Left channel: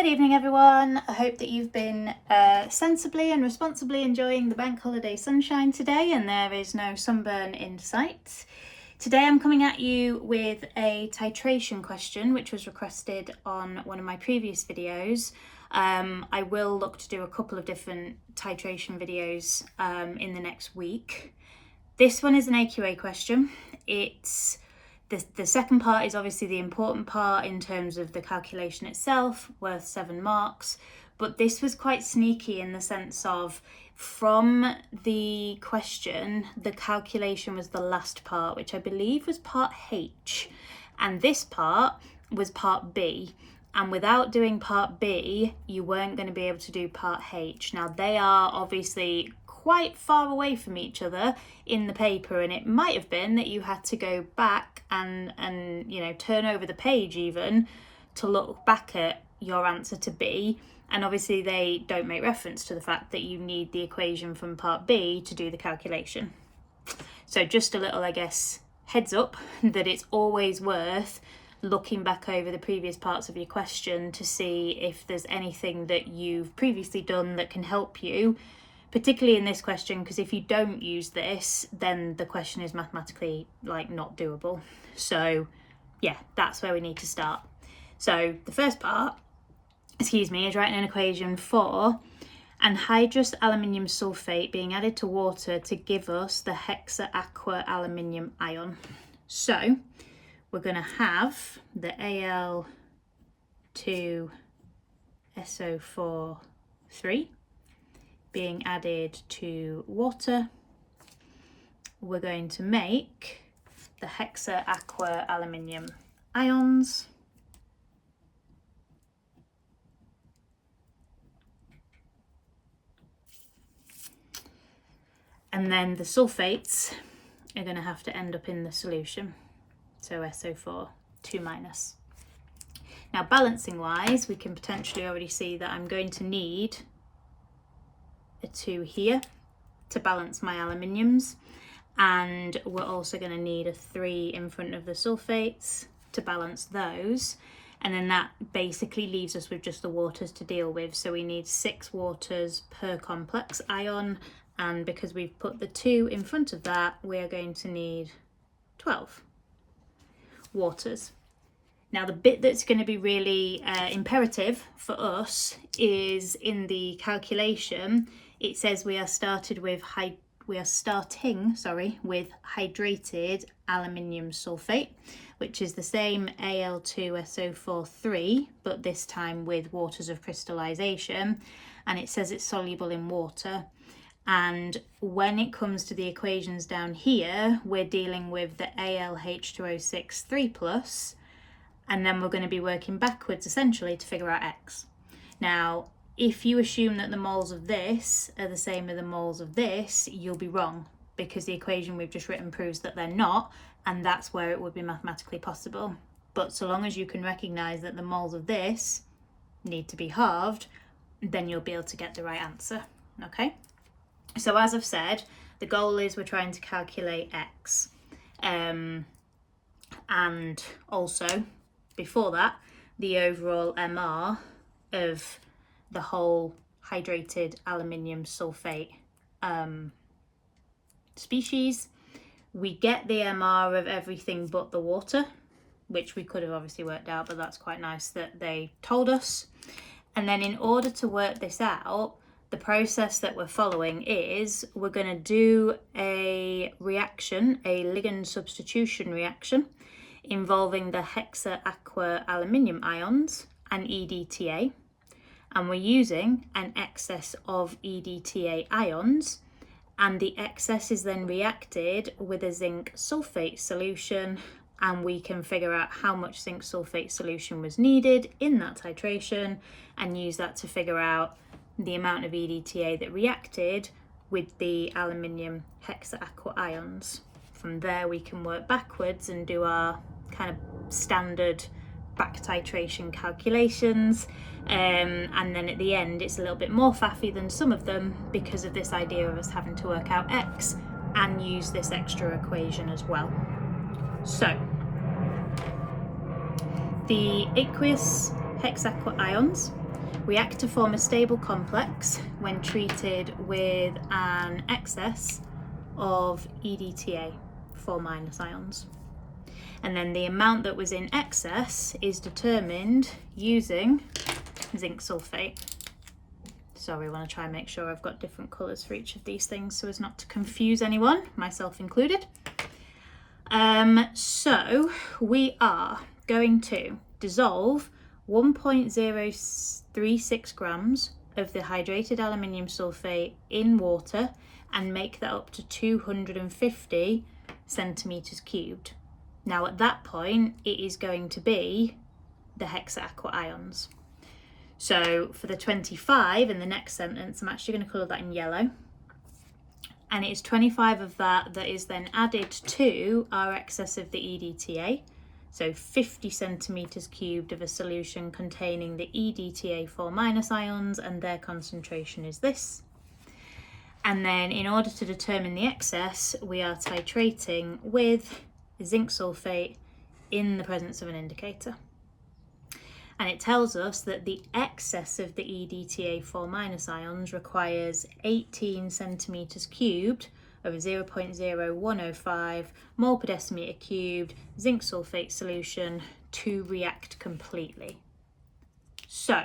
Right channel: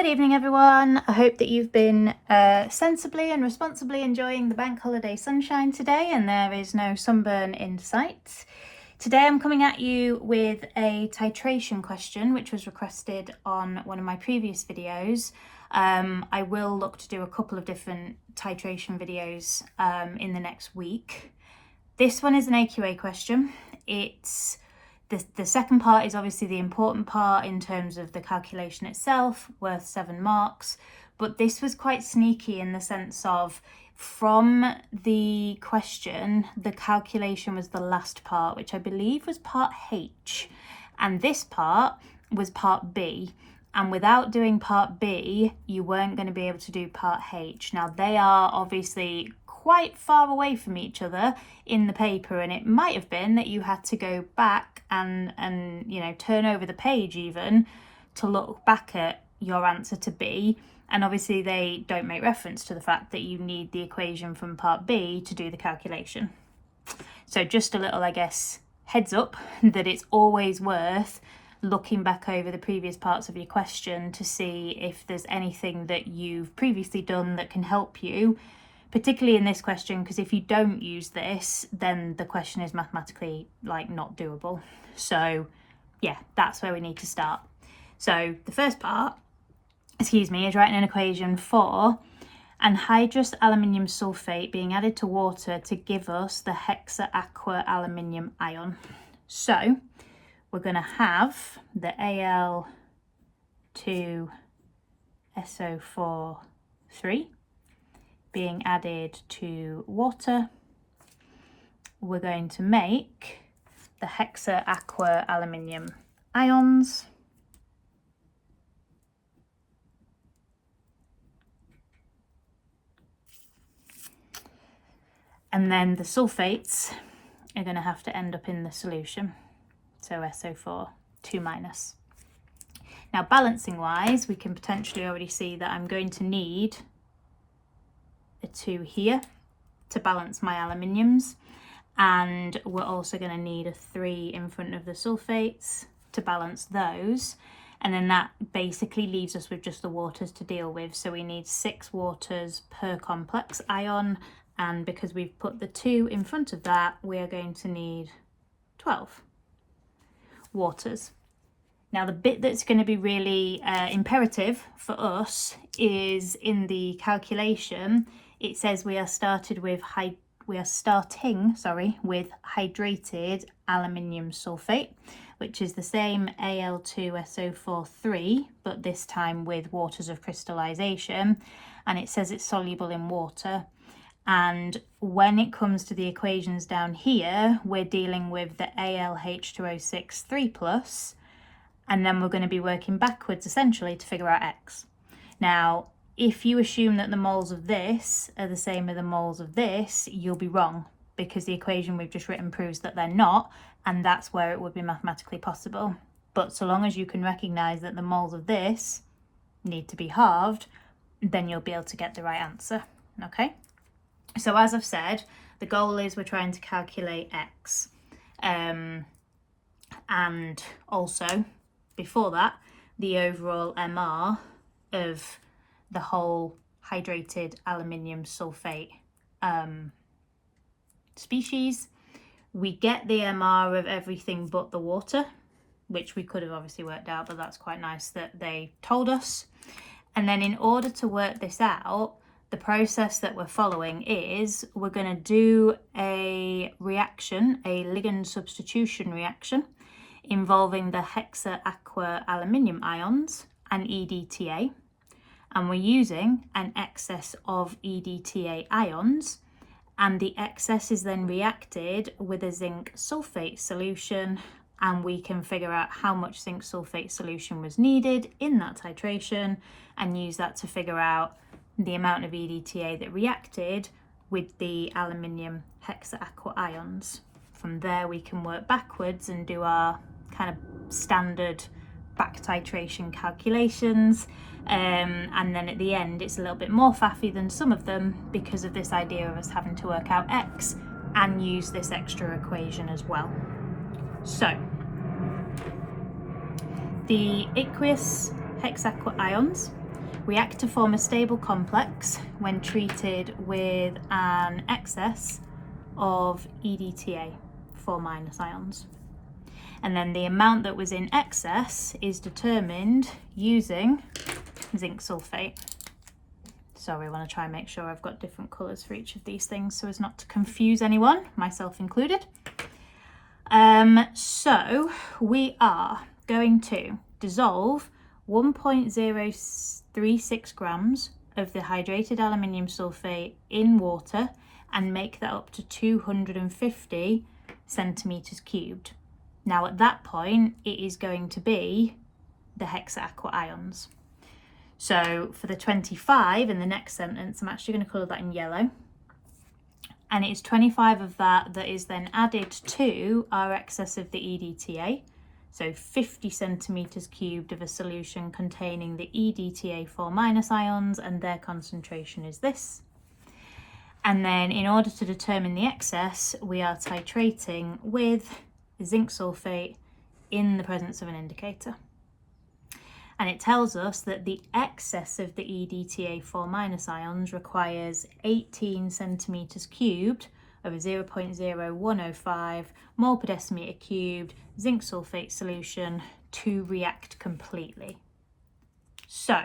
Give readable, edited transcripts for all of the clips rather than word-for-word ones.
Good evening everyone. I hope that you've been sensibly and responsibly enjoying the bank holiday sunshine today and there is no sunburn in sight. Today I'm coming at you with a titration question which was requested on one of my previous videos. I will look to do a couple of different titration videos in the next week. This one is an AQA question. It's the second part is obviously the important part in terms of the calculation itself, worth 7 marks, but this was quite sneaky in the sense of from the question, the calculation was the last part, which I believe was part H, and this part was part B. And without doing part B, you weren't going to be able to do part H. Now, they are obviously quite far away from each other in the paper, and it might have been that you had to go back and turn over the page even to look back at your answer to B. And obviously they don't make reference to the fact that you need the equation from part B to do the calculation. So just a little, I guess, heads up that it's always worth looking back over the previous parts of your question to see if there's anything that you've previously done that can help you, particularly in this question, because if you don't use this, then the question is mathematically not doable. So yeah, that's where we need to start. So the first part, is writing an equation for anhydrous aluminium sulfate being added to water to give us the hexa aqua aluminium ion. So we're going to have the Al2SO4 being added to water. We're going to make the hexa aqua aluminium ions. And then the sulfates are going to have to end up in the solution. So SO4, 2 minus. Now balancing wise, we can potentially already see that I'm going to need a 2 here to balance my aluminiums, and we're also going to need a 3 in front of the sulfates to balance those, and then that basically leaves us with just the waters to deal with. So we need 6 waters per complex ion, and because we've put the 2 in front of that, we're going to need 12 waters. Now the bit that's going to be really imperative for us is in the calculation. It says we are starting with hydrated aluminium sulfate, which is the same Al2SO4 but this time with waters of crystallization, and it says it's soluble in water. And when it comes to the equations down here, we're dealing with the AlH2O6 3+, and then we're going to be working backwards essentially to figure out X. Now, if you assume that the moles of this are the same as the moles of this, you'll be wrong, because the equation we've just written proves that they're not, and that's where it would be mathematically possible. But so long as you can recognise that the moles of this need to be halved, then you'll be able to get the right answer, okay? So as I've said, the goal is we're trying to calculate X. And also, before that, the overall MR of the whole hydrated aluminium sulfate species. We get the MR of everything but the water, which we could have obviously worked out, but that's quite nice that they told us. And then in order to work this out, the process that we're following is we're going to do a reaction, a ligand substitution reaction, involving the hexa aqua aluminium ions and EDTA. And we're using an excess of EDTA ions, and the excess is then reacted with a zinc sulfate solution, and we can figure out how much zinc sulfate solution was needed in that titration and use that to figure out the amount of EDTA that reacted with the aluminium hexa aqua ions. From there we can work backwards and do our kind of standard back titration calculations, and then at the end it's a little bit more faffy than some of them because of this idea of us having to work out X and use this extra equation as well. So the aqueous hexa aqua ions react to form a stable complex when treated with an excess of EDTA, 4- ions. And then the amount that was in excess is determined using zinc sulfate. Sorry, I want to try and make sure I've got different colours for each of these things so as not to confuse anyone, myself included. So we are going to dissolve 1.036 grams of the hydrated aluminium sulfate in water and make that up to 250 centimetres cubed. Now at that point it is going to be the hexa aqua ions. So for the 25 in the next sentence, I'm actually going to colour that in yellow. And it is 25 of that is then added to our excess of the EDTA. So 50 centimetres cubed of a solution containing the EDTA 4- ions, and their concentration is this. And then in order to determine the excess, we are titrating with zinc sulfate in the presence of an indicator. And it tells us that the excess of the EDTA 4- ions requires 18 centimetres cubed of a 0.0105 mole per decimetre cubed zinc sulfate solution to react completely. So,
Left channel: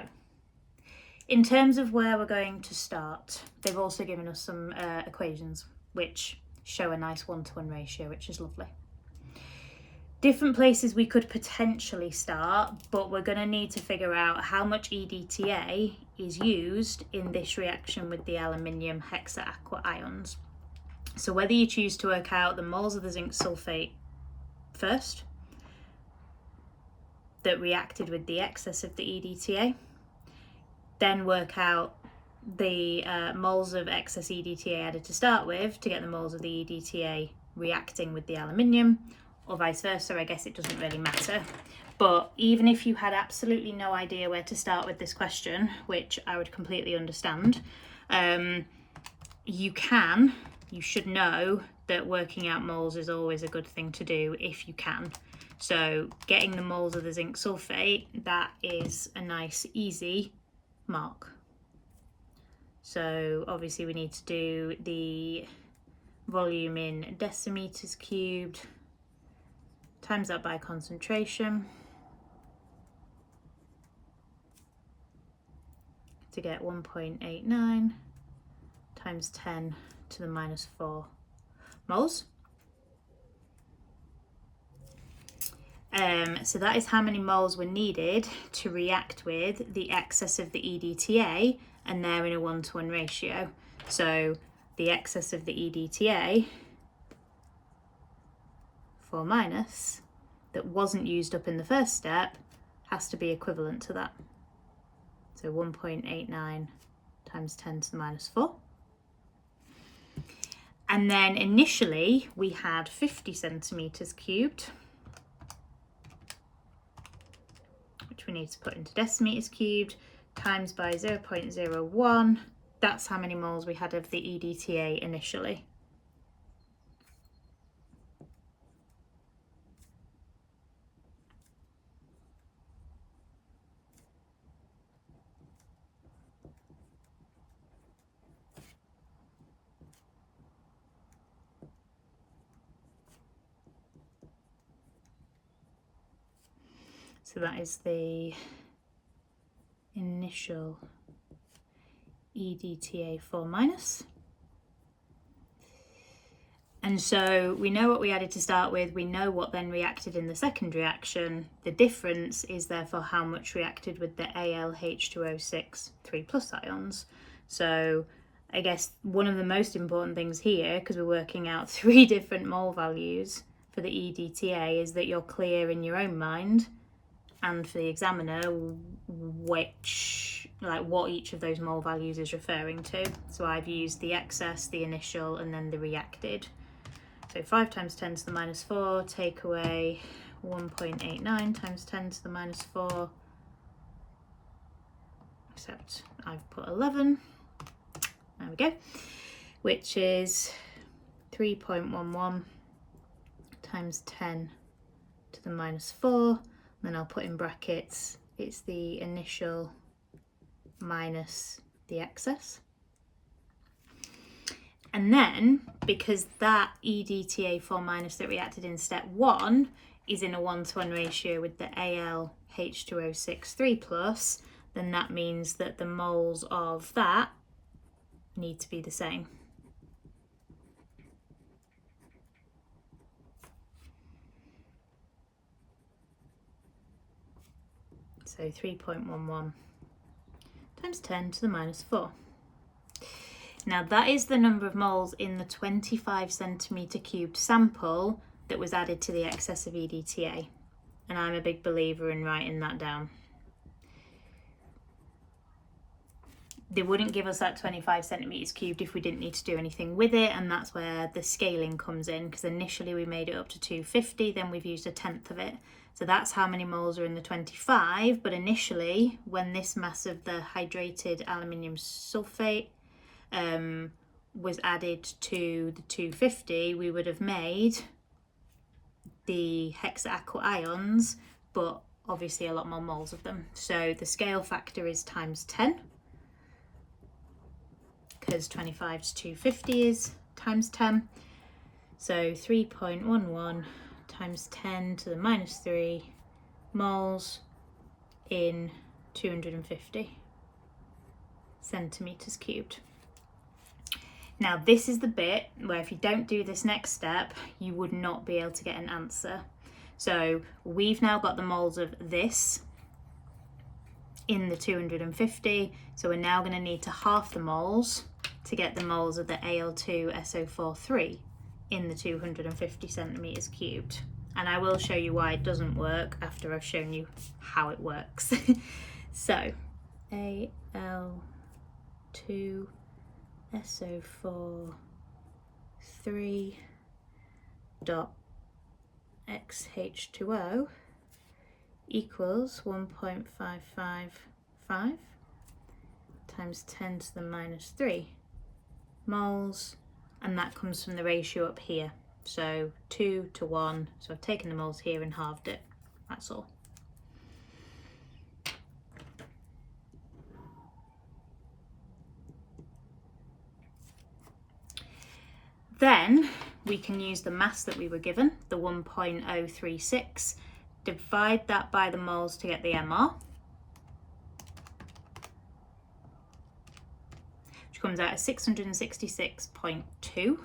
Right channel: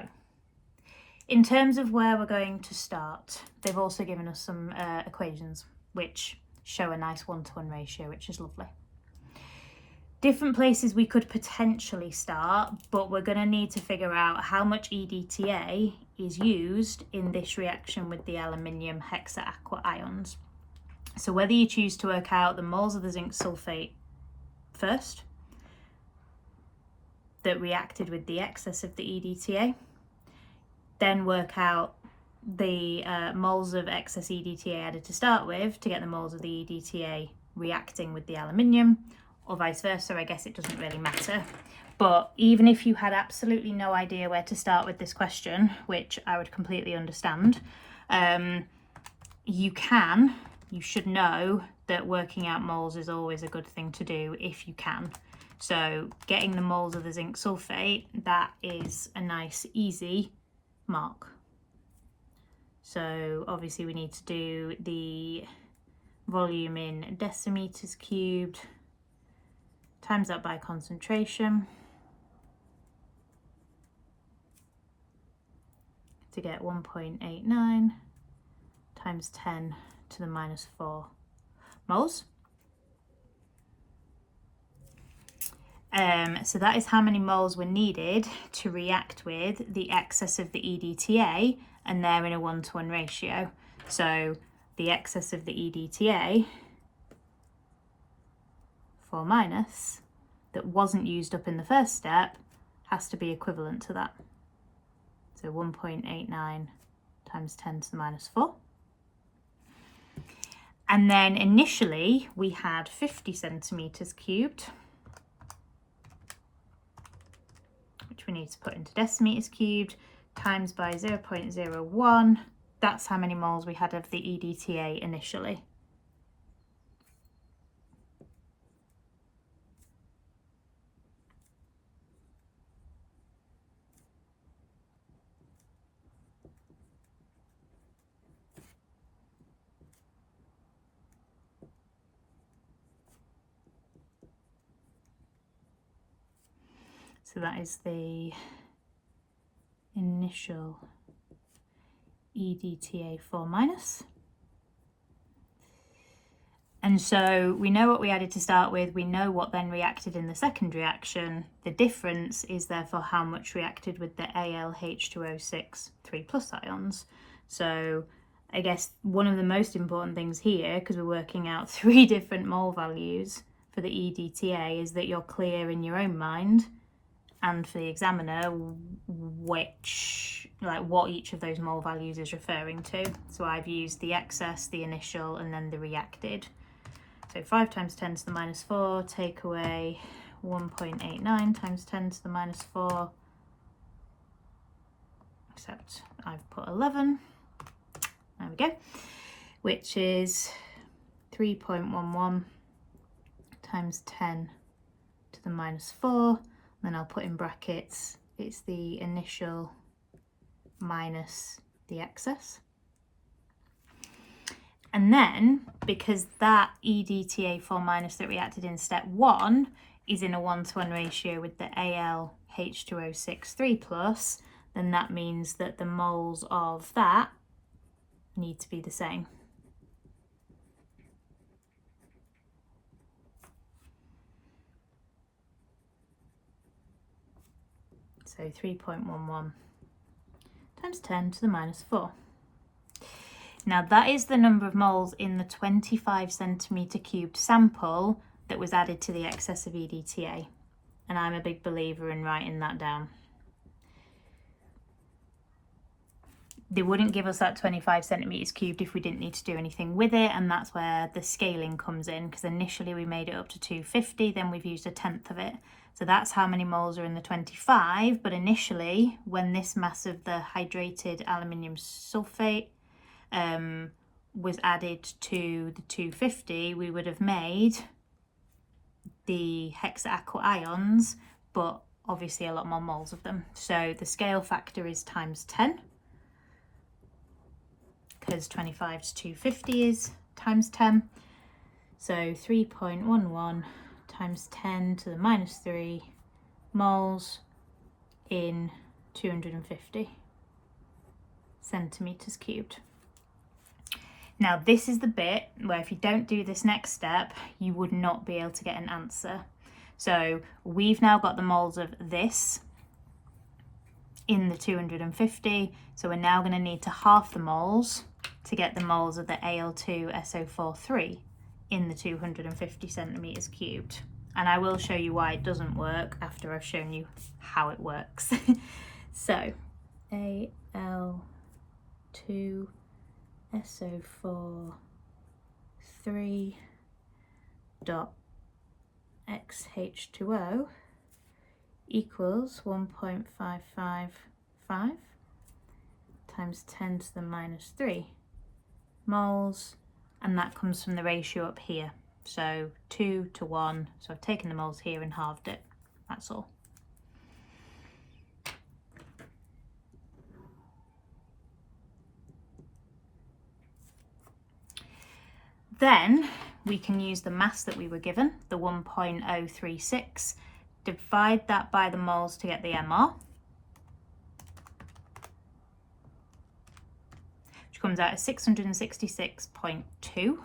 in terms of where we're going to start, they've also given us some equations which show a nice 1-to-1 ratio, which is lovely. Different places we could potentially start, but we're going to need to figure out how much EDTA is used in this reaction with the aluminium hexa aqua ions. So whether you choose to work out the moles of the zinc sulfate first that reacted with the excess of the EDTA, then work out the moles of excess EDTA added to start with to get the moles of the EDTA reacting with the aluminium, or vice versa. I guess it doesn't really matter. But even if you had absolutely no idea where to start with this question, which I would completely understand, you should know that working out moles is always a good thing to do if you can. So getting the moles of the zinc sulfate, that is a nice easy mark. So obviously we need to do the volume in decimeters cubed, times that by concentration to get 1.89 times 10 to the minus 4 moles. So that is how many moles were needed to react with the excess of the EDTA, and they're in a 1-to-1 ratio. So the excess of the EDTA 4- that wasn't used up in the first step has to be equivalent to that. So 1.89 times 10 to the minus 4. And then initially we had 50 centimetres cubed, which we need to put into decimeters cubed, times by 0.01. That's how many moles we had of the EDTA initially. So that is the initial EDTA 4-. And so we know what we added to start with, we know what then reacted in the second reaction. The difference is therefore how much reacted with the AlH2O6 3+ ions. So I guess one of the most important things here, because we're working out 3 different mole values for the EDTA, is that you're clear in your own mind and for the examiner what each of those mole values is referring to. So I've used the excess, the initial, and then the reacted. So 5 times 10 to the minus 4, take away 1.89 times 10 to the minus 4, except I've put 11, there we go, which is 3.11 times 10 to the minus 4, then I'll put in brackets, it's the initial minus the excess. And then, because that EDTA4 minus that reacted in step 1 is in a 1-to-1 ratio with the AlH2O6 3+, then that means that the moles of that need to be the same. So 3.11 times 10 to the minus 4. Now that is the number of moles in the 25 centimetre cubed sample that was added to the excess of EDTA. And I'm a big believer in writing that down. They wouldn't give us that 25 centimetres cubed if we didn't need to do anything with it, and that's where the scaling comes in, because initially we made it up to 250, then we've used 1/10 of it. So that's how many moles are in the 25, but initially when this mass of the hydrated aluminium sulfate was added to the 250, we would have made the hexa AQA ions, but obviously a lot more moles of them. So the scale factor is times 10, because 25 to 250 is times 10. So 3.11 times 10 to the minus 3 moles in 250 centimetres cubed. Now this is the bit where if you don't do this next step, you would not be able to get an answer. So we've now got the moles of this in the 250, so we're now going to need to half the moles to get the moles of the Al2SO43 in the 250 centimetres cubed. And I will show you why it doesn't work after I've shown you how it works. So Al2SO43 dot XH2O equals 1.555 times 10 to the minus 3 moles, and that comes from the ratio up here, so 2 to 1. So I've taken the moles here and halved it, that's all. Then we can use the mass that we were given, the 1.036, divide that by the moles to get the MR, which comes out at 666.2.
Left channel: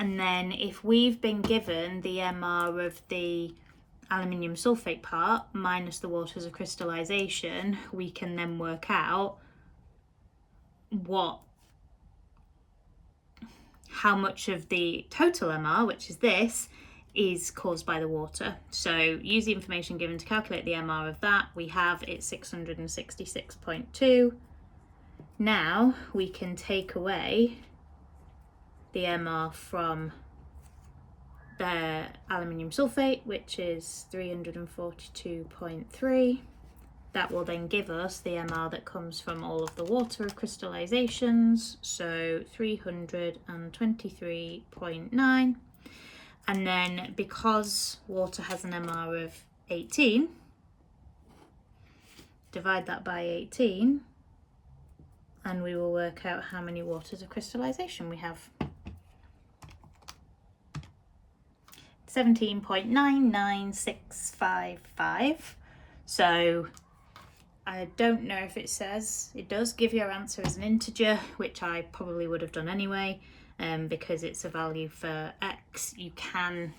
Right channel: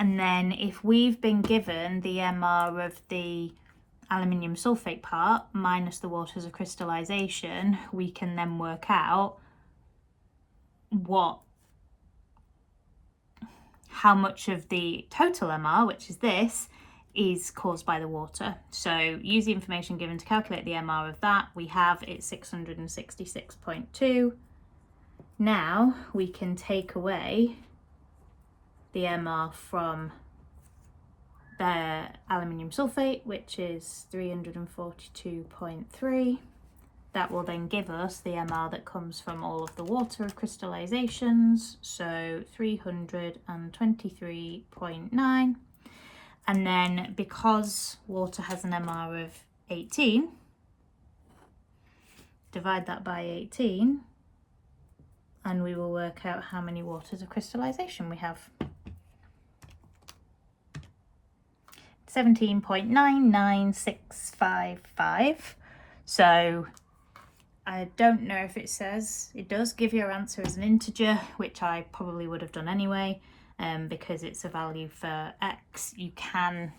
And then if we've been given the MR of the aluminium sulfate part minus the waters of crystallization, we can then work out how much of the total MR, which is this, is caused by the water. So use the information given to calculate the MR of that. We have it 666.2. Now we can take away the MR from the aluminium sulfate, which is 342.3. That will then give us the MR that comes from all of the water crystallizations, so 323.9. And then because water has an MR of 18, divide that by 18, and we will work out how many waters of crystallization we have. 17.99655. So I don't know if it says, it does give your answer as an integer, which I probably would have done anyway, because it's a value for X.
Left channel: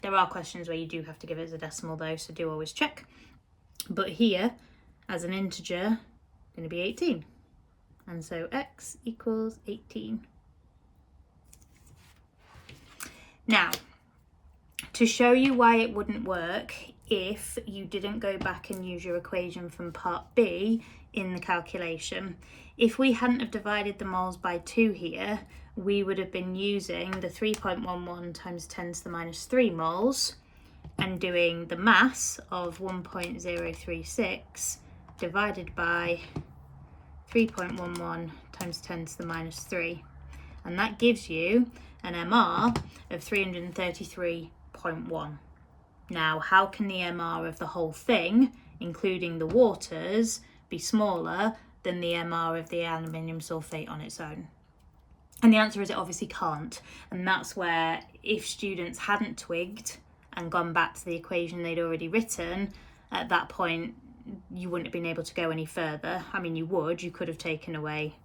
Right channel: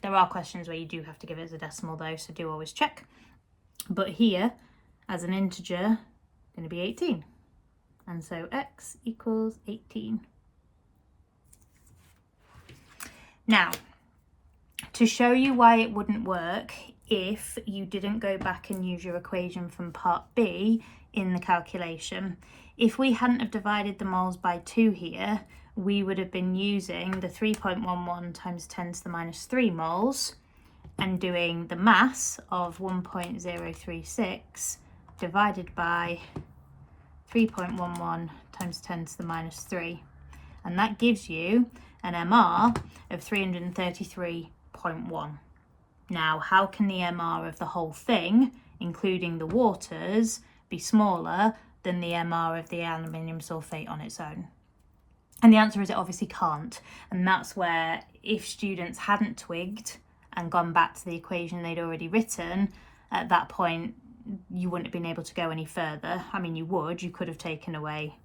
There are questions where you do have to give it as a decimal though, so do always check. But here, as an integer, going to be 18. And so X equals 18. Now, to show you why it wouldn't work if you didn't go back and use your equation from part B in the calculation, if we hadn't have divided the moles by 2 here, we would have been using the 3.11 times 10 to the minus 3 moles and doing the mass of 1.036 divided by 3.11 times 10 to the minus 3. And that gives you an MR of 333.1. Now, how can the MR of the whole thing, including the waters, be smaller than the MR of the aluminium sulfate on its own? And the answer is it obviously can't. And that's where, if students hadn't twigged and gone back to the equation they'd already written, at that point you wouldn't have been able to go any further. I mean, you could have taken away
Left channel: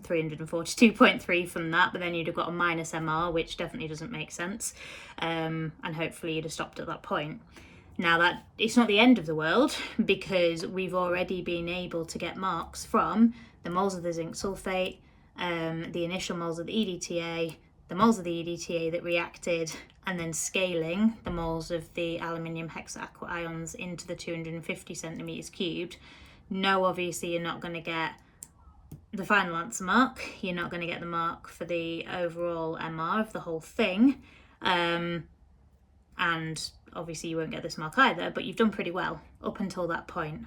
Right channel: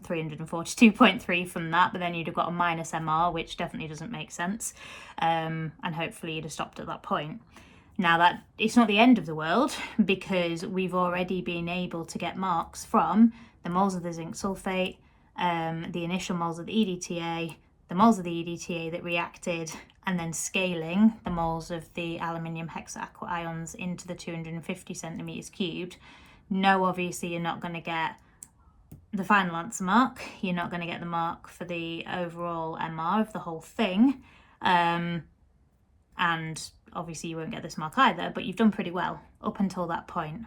342.3 from that, but then you'd have got a minus MR, which definitely doesn't make sense, and hopefully you'd have stopped at that point. Now, that it's not the end of the world, because we've already been able to get marks from the moles of the zinc sulfate, the initial moles of the EDTA, the moles of the EDTA that reacted, and then scaling the moles of the aluminium hexaqua ions into the 250 centimeters cubed. No, obviously you're not going to get the final answer mark. You're not going to get the mark for the overall MR of the whole thing, and obviously you won't get this mark either, but you've done pretty well up until that point.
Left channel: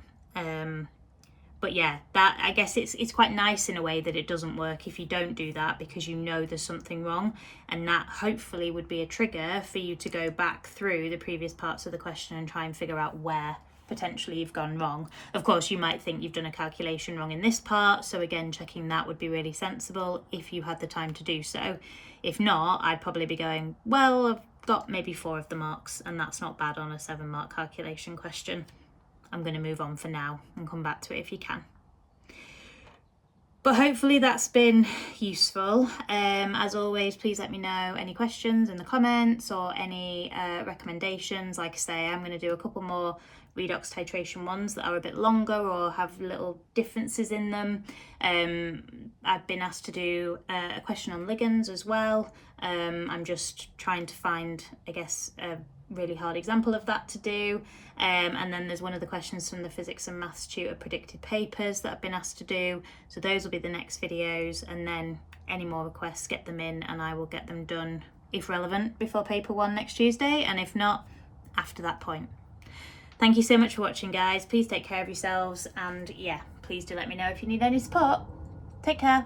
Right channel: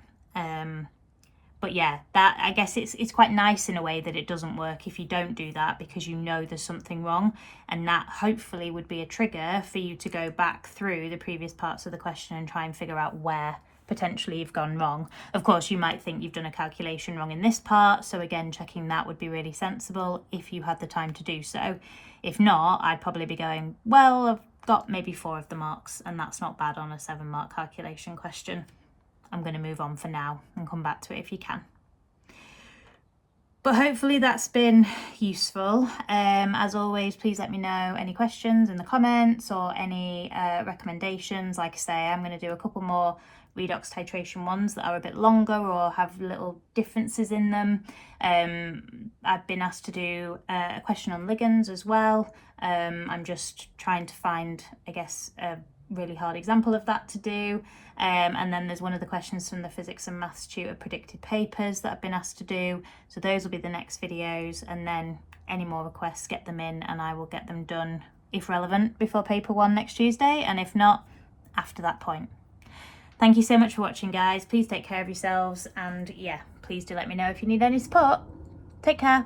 But yeah, that, I guess it's quite nice in a way that it doesn't work if you don't do that, because you know there's something wrong, and that hopefully would be a trigger for you to go back through the previous parts of the question and try and figure out where potentially you've gone wrong. Of course, you might think you've done a calculation wrong in this part, so again, checking that would be really sensible if you had the time to do so. If not, I'd probably be going, well, I've got maybe 4 of the marks, and that's not bad on a 7-mark calculation question. I'm going to move on for now and come back to it if you can. But hopefully that's been useful. As always, please let me know any questions in the comments or any recommendations. Like I say, I'm going to do a couple more redox titration ones that are a bit longer or have little differences in them. I've been asked to do a question on ligands as well. I'm just trying to find, I guess, a really hard example of that to do, and then there's one of the questions from the physics and maths tutor predicted papers that I've been asked to do, so those will be the next videos, and then any more requests, get them in and I will get them done, if relevant, before paper 1 next Tuesday, and if not, after that point. Thank you so much for watching, guys. Please take care of yourselves, and yeah, please do let me know if you need any support. Take care.